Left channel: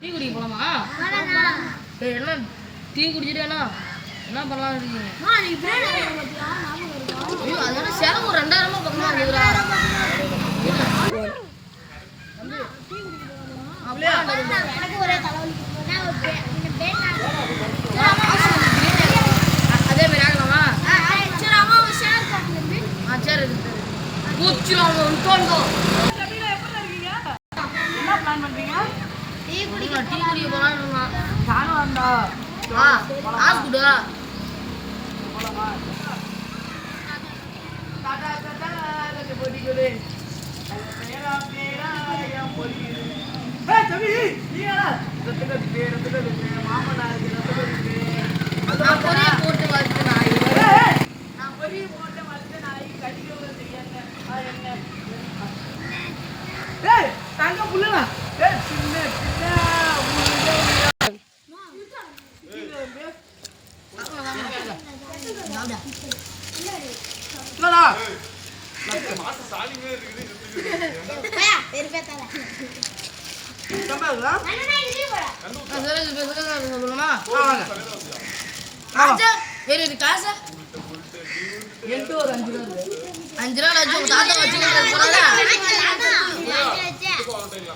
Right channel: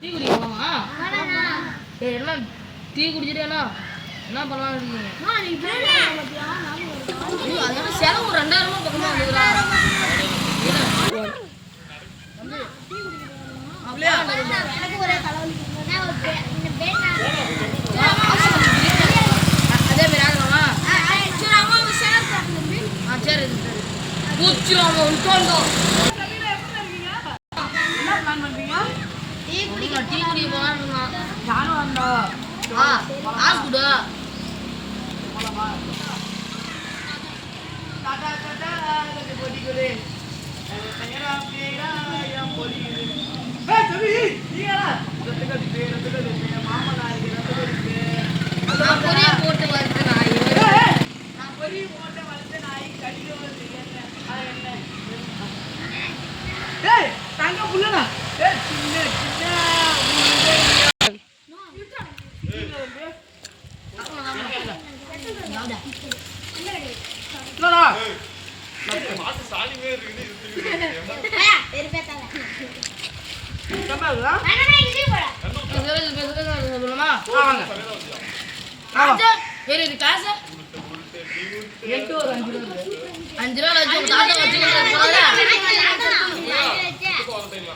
Tea குடிக்க போலாமா? என்ன டீ குடிச்சிட்டேனா என்ன பண்ணலாம்னு இருக்கீங்க? ஐயோ அதனால செலவு ஒரு 2000 பக்கமா இருக்குதுடா. எனக்கு ஒரே தலைவலிக்கு அதே மாதிரி ஆகலாமா? சரி பூச்சிரும் டீ குடிக்க போலான்னு நானும் வந்தா காசு கொடு போலாமா? டாடா டாடா கொஞ்சம் பொடி கொடு பேரா பேரா என் பொடி தம்பி நீங்களா ரத்தகதி பே மாமனாருக்கு ரத்தகதி பே நான் பொரிய போட்டு வளர்த்த நாய் நான் பொரிய போட்டு வளர்த்த நாய் கடிக்க வருது என்ன ஏய் தங்க புள்ளடா ஏய் சின்ன சின்ன முருகையா என்னடா மாச சாலிமே இருக்குது பெருபேத்தால கம்பளா அண்ணா இங்க போடா சொல்லுமா வாங்க ஆச்சா வேற இது காசு 8 ஒரு 5 ரூபாய் 5 ரூபாய் லட்சம் தாத்தா வச்சுக்கிட்டு போறல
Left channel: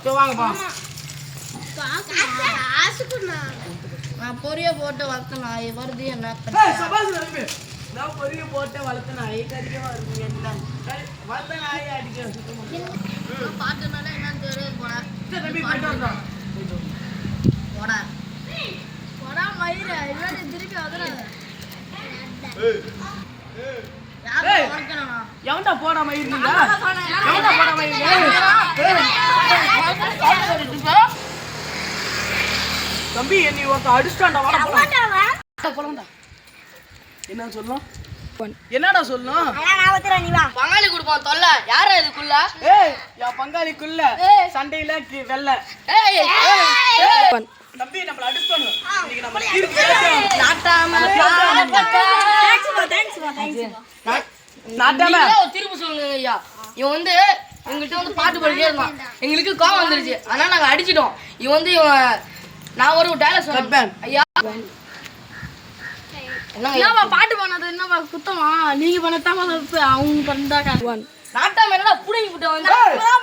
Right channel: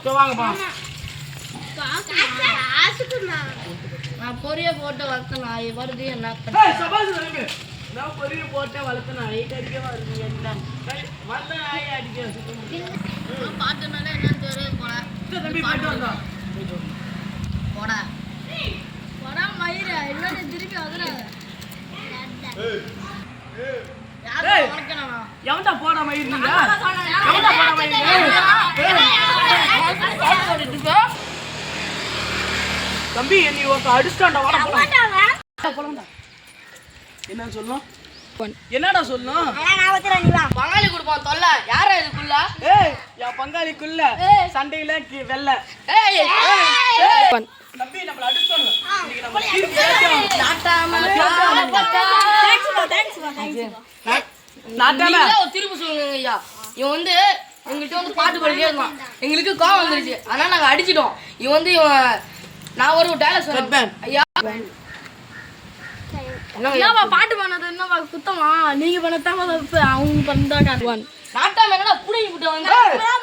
சோ வாங்க பா காசு குடுமா நான் பொரிய போட்டு வளர்த்த நாய் வருது என்ன ஏய் சபாஸ் நம்பி நான் பொரிய போட்டு வளர்த்த நாய் கடிக்க வருது என்ன வளர்த்த நாய் அடிக்க சுத்தமா பாத்துனால என்னன்னு தெரியாது போல தம்பி போய்ட்டு வந்தா போடா போடா மயிர இல்ல திருப்பி வதறாத ஏய் எவன்டா போடா மயிர் நீங்க எவன்டா போடா மயிர் தம்பி நீ ஒருத்த அடிச்சான்டா வாடா போலாம்டா என்ன சொல்லணும் என்னடா சொல்லணும் நான் வச்சற நீ வா பங்காளி குடுப்போம் தொல்ல யாரா இதுக்குள்ள ஏய் யா பங்காளிக்குள்ள சண்டையில வெல்ல ஏய் தம்பி நம்மள அடிச்சானு இன்னைக்கு நம்ம தீர்ப்பு கேட்டோம் நாட்டாம தேங்க்ஸ் நாட்டாம தீர்ப்பு சொல்லுங்க ஐயா இவன் வந்து எங்கள்கிட்ட வந்து பாட்டு படிக்கவே இருந்தான் எங்களுக்கு கோவம் வந்துருச்சு அதனால நாங்க அடிச்சிட்டோம் இவன் வந்து நான் ஒரு டயலாக் சொல்றேன் ஐயா என்னவா பாட்டு பண்ணது என்னவா குத்தமா நீங்க பண்ணதாம அவங்க பண்ணாங்க நாட்டாம என்னடா புடிங்கி விட்டு வந்து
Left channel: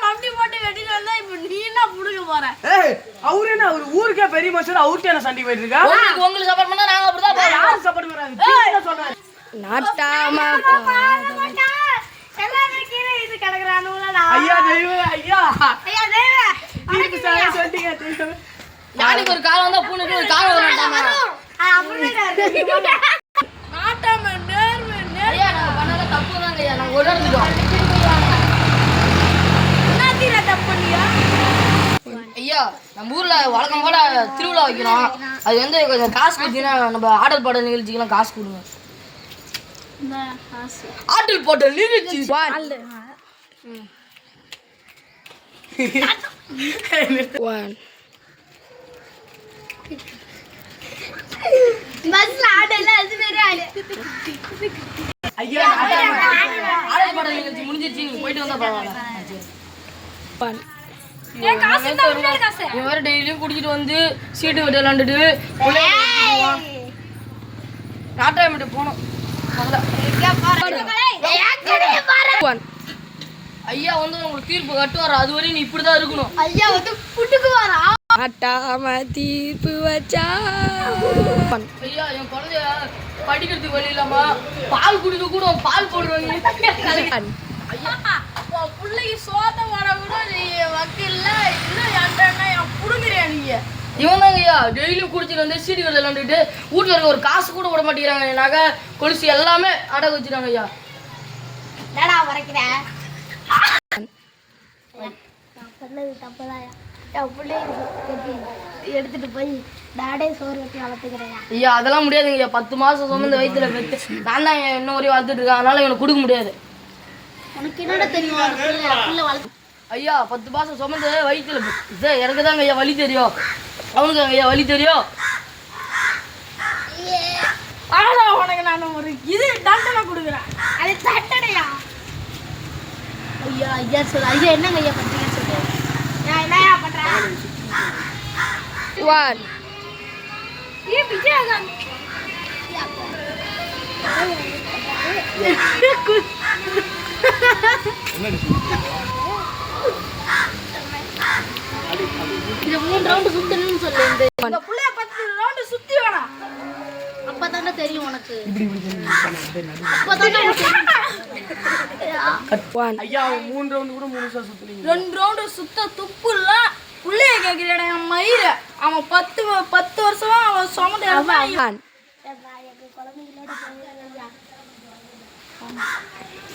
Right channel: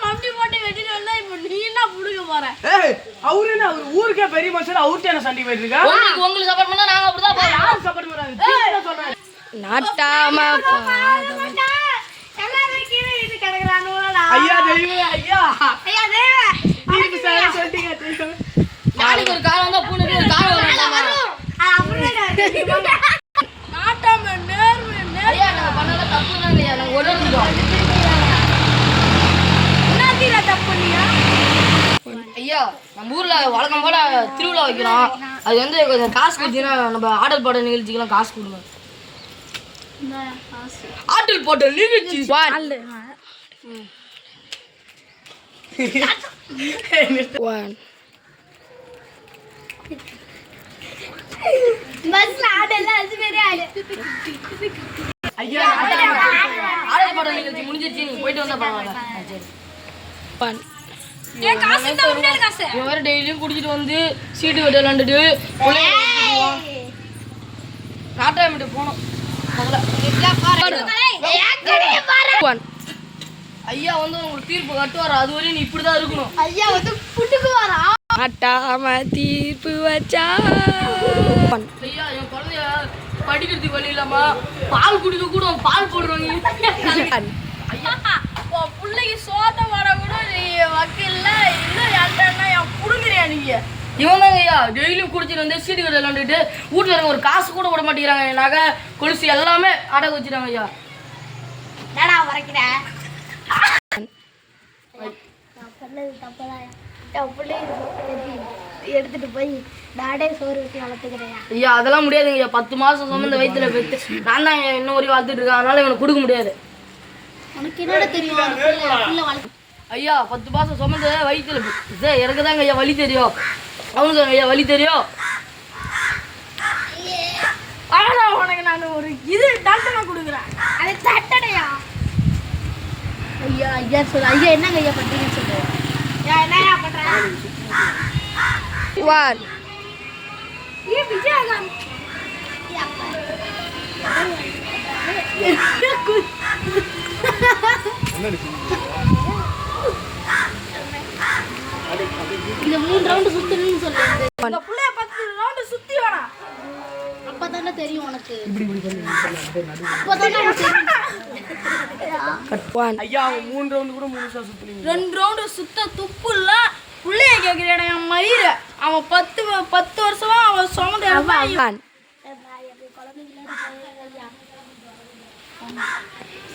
மம்மி போட்டு வெட்டிட்டு வந்தா இப்ப நீ என்ன புடுங்க போற ஏய் அவரே என்ன ஒரு ஊருக்கே பெரிய மனுஷன் அவர்ட்ட என்ன சண்டி போயிட்டு இருக்கா உங்களுக்கு சப்போர்ட் பண்ணா நாங்க அப்படிதான் போறோம் யார் சப்போர்ட் பண்றாங்க என்ன சொல்றாங்க நாட்டாம எல்லாரும் கீழே இது கிடக்குறானுடா ஐயா தெய்வமே ஐயா தெய்வமே தீர்ப்பு சார சொல்லிட்டீங்க தெய்வமே நாளைக்கு ஒரு காலம் வந்தா பூனைக்கு ஒரு காலம் வரமாட்டாங்க நாட்டாம நேர்மை ஐயா நாங்க பண்ணத தப்புதாங்க ஐயா நாங்க உணர்ந்துட்டோம் என்ன தீரா தப்பு பண்ணியா ஐயா நம்ம ஊர்ல வழக்கம் போல திருவிழா வைக்கிறோம் அது வந்து கொஞ்சம் காசு கொடுத்தீங்கன்னா நம்ம ஆடல் பாடல் நிகழ்ச்சிக்கெல்லாம் காசு கொடுங்க ஆடல் பாடல் நிகழ்ச்சி பஸ்ல ஆடல அது வேற ஆளு ஐயா ஆடல் பாடல் நிகழ்ச்சி முடிஞ்சிருச்சு நீங்க போயிட்டு வந்தா பரவாயில்ல சரி இவன் வேற டெய்லியும் குடிச்சிட்டு வந்து சீட்டு கட்டு விளாண்டுட்டு நாட்டாமிட்டு போனோம் ஐயா வந்து உங்களுக்கு தீர்ப்பு கட்டுவாரா அது வரையும் நீ இப்படிதான் இருக்கணும் ஐயா வந்து புட்டுக்கு வரா நாட்டாம தீர்ப்பு வச்சா ஐயா என் குழந்தைய படிக்கிறதுக்கு வழி இல்லாம பால் குடிக்க கூட பால் போடுவாங்க பிள்ளைக்கு சோத்த வர கூட நீ வக்கீல்ல இன்னும் என்கிட்ட என் புடுங்குறியா நீங்க இவன் தாங்க ஐயா டெய்லியும் குடிச்சிட்டு வந்து சீட்டு கட்டு விளாண்டுட்டு வீட்டுல இருக்க ஒரு காசு கூட விட மாட்டேங்கிறாங்க என் நகை கொலுசு எல்லாமே அடகு வச்சுட்டாங்க ஐயா என்னடா வரைக்கிறேன் பண்ணது தப்பதாயா என் பிள்ளை எடுத்துட்டு போய் நாடே சோறு வச்சு வளர்த்துக்கிறேன் ஐயா அதெல்லாம் முடியாதுங்க ஐயா 10 மாசம் சுமந்த வயிற்றுல பெற்று நான் தான் இன்னும் வரையும் வளர்த்துட்டு இருக்கேன் அதனால எனக்கு கொடுக்க முடியாது உனக்கு என்னடா தெரியும் ஐயா 10 மாசம் சுமந்த வயிற்றுல பெற்று எனக்கு தாங்க ஐயா வலி தெரியும் அவனுக்கு ஐயா வலி தெரியும் ஆனா உனக்கு நான் ஒரு இது தண்டனை கொடுக்குறேன் அது தட்டடையா ஐயா ஐயா சொல்லு ஐயா என்னங்க ஐயா பண்றீங்கன்னு சொல்லு என்னையா பண்ற 1 இது 3 ரவுண்ட் சுத்தணும்னு சொல்லு. இந்த புள்ளைய 10 ரவுண்ட் சுத்தி வேணாம். அப்பதானே தெரியும் உனக்கு. ஐயா 3 ரவுண்ட் கூட முழுசா சுத்துறீங்க. 2 ரவுண்ட் சுத்த துப்பு இல்ல. புள்ளைய கேக்குறேடா என் மயிர. அவன் 10 வருஷமா அவன் சுமந்து எடுப்பான்.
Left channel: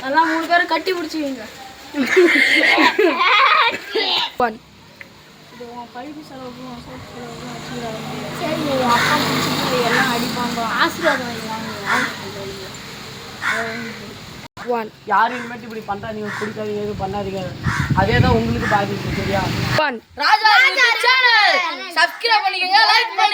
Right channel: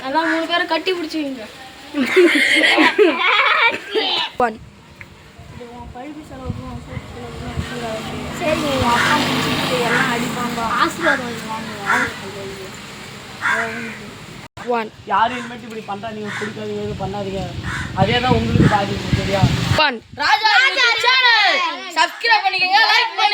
எல்லாம் 3 பேரும் கட்டி பிடிச்சுவீங்க. 1 இது உன் படிப்பு செலவுக்கு உன் சோப்பு செலவுக்குலாம் வச்சுக்கிறாங்க. சரிங்க, உன் அப்பா முடிச்சுட்டு எல்லாம் அடிப்பாங்க. ஆசீர்வாதம் வாங்கிக்கலாம். 1 யாரும் இனிமேட்டு இப்படி பண்றாதீங்க, குடிக்காதீங்க, இது பண்ணாதீங்க. அதே தான் உங்களுக்கு பாதிப்பு சரியா? 1 ராஜா சேனல் சப்ஸ்கிரைப் பண்ணிக்கங்க, லைக் பண்ணுங்க.